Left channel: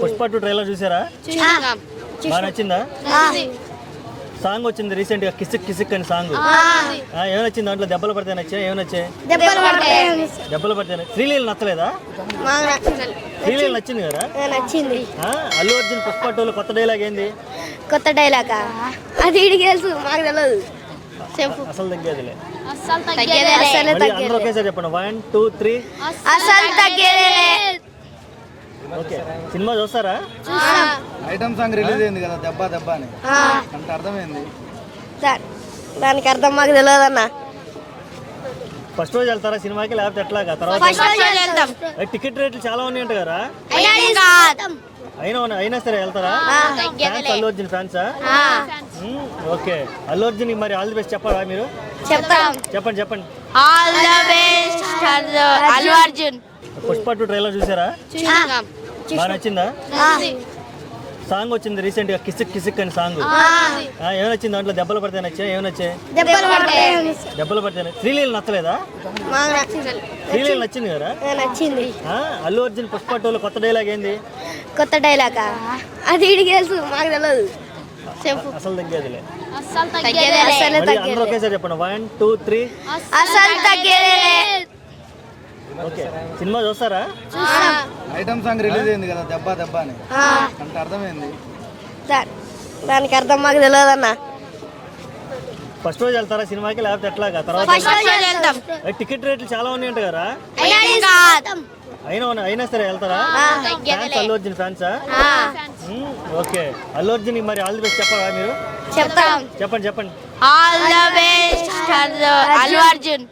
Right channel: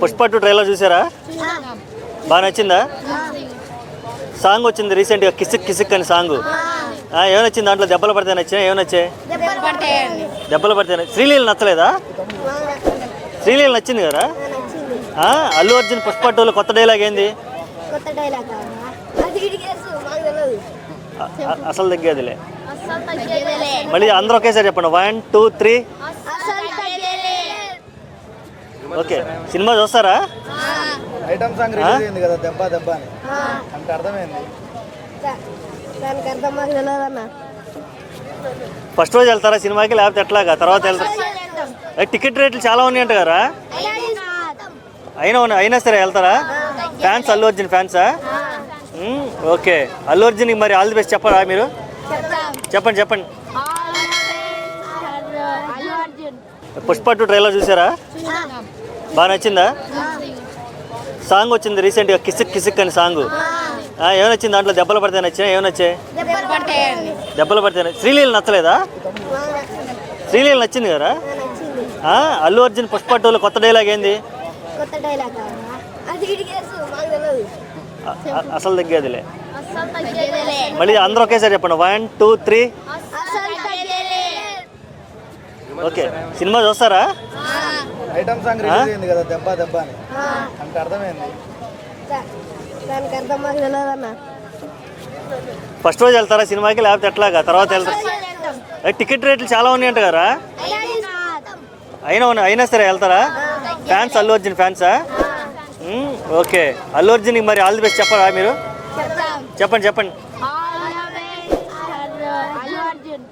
Pushpa 2 trailer చూసారా? బాగా నచ్చిందా? సాంగ్ వచ్చింది రీసెంట్గా, కిసిక్ కిసిక్ అని సాంగ్. ఏమొచ్చింది దాంట్లో? దెబ్బలు పడితే నచ్చా? ఏమొచ్చాయి? దెబ్బలు పడితే. శ్రీలీల నచ్చలేదా? శ్రీలీల నచ్చింది కదా? అల్లు అర్జున్ పుష్ప 2లో కొత్త డైలాగ్ ఏంది? కొత్త డైలాగ్ అది మాకు తెలియదు. అసలు తగ్గేదిలే. మళ్ళీ అందరూ ఒకేసారి చెప్పండి. 1 2 3. అసలు తగ్గేదేలే. ఓకే, సినిమా చూస్తారా? ఐటమ్ సాంగ్ రిలీజ్ అయింది కదా, దెబ్బ దెబ్బ అని. అంటే అర్థమైంది దానికి అర్థం మాకు తెలియదు అన్న. ఫస్ట్ రోజు వెళ్తారా సినిమాకి, లేకపోతే ఎట్లాగా తర్వాత టికెట్ రేట్లు చాలా ఉన్నాయంట కదా? అయినా సరే వెళ్తారా? ఫ్యాన్స్, అల్లు అర్జున్ ఫ్యాన్సా? ఓకే, అల్లు అర్జున్ మరి ఆల్ ది బెస్ట్ చెప్పరా మీరు? చెప్పండి. పుష్ప 2 ట్రైలర్ చూసారా? బాగా నచ్చిందా? సాంగ్ వచ్చింది రీసెంట్గా, కిసిక్ కిసిక్ అని సాంగ్. ఏమొచ్చింది దాంట్లో? దెబ్బలు పడితే నచ్చా? ఏమొచ్చాయి? దెబ్బలు పడితే. శ్రీలీల నచ్చలేదా? శ్రీలీల నచ్చింది కదా? అల్లు అర్జున్ పుష్ప 2లో కొత్త డైలాగ్ ఏంది? కొత్త డైలాగ్ అది మాకు తెలియదు. అసలు తగ్గేదిలే. మళ్ళీ అందరూ ఒకేసారి చెప్పండి. 1 2 3. అసలు తగ్గేదేలే. ఓకే, సినిమా చూస్తారా? ఐటమ్ సాంగ్ రిలీజ్ అయింది కదా, దెబ్బ దెబ్బ అని. అంటే అర్థమైంది దానికి అర్థం మాకు తెలియదు అన్న. ఫస్ట్ రోజు వెళ్తారా సినిమాకి, లేకపోతే ఎట్లాగా తర్వాత టికెట్ రేట్లు చాలా ఉన్నాయంట కదా? అయినా సరే వెళ్తారా? ఫ్యాన్స్, అల్లు అర్జున్ ఫ్యాన్సా? ఓకే, అల్లు అర్జున్ మరి ఆల్ ది బెస్ట్ చెప్పరా మీరు? చెప్పండి. All the best Allu Arjun.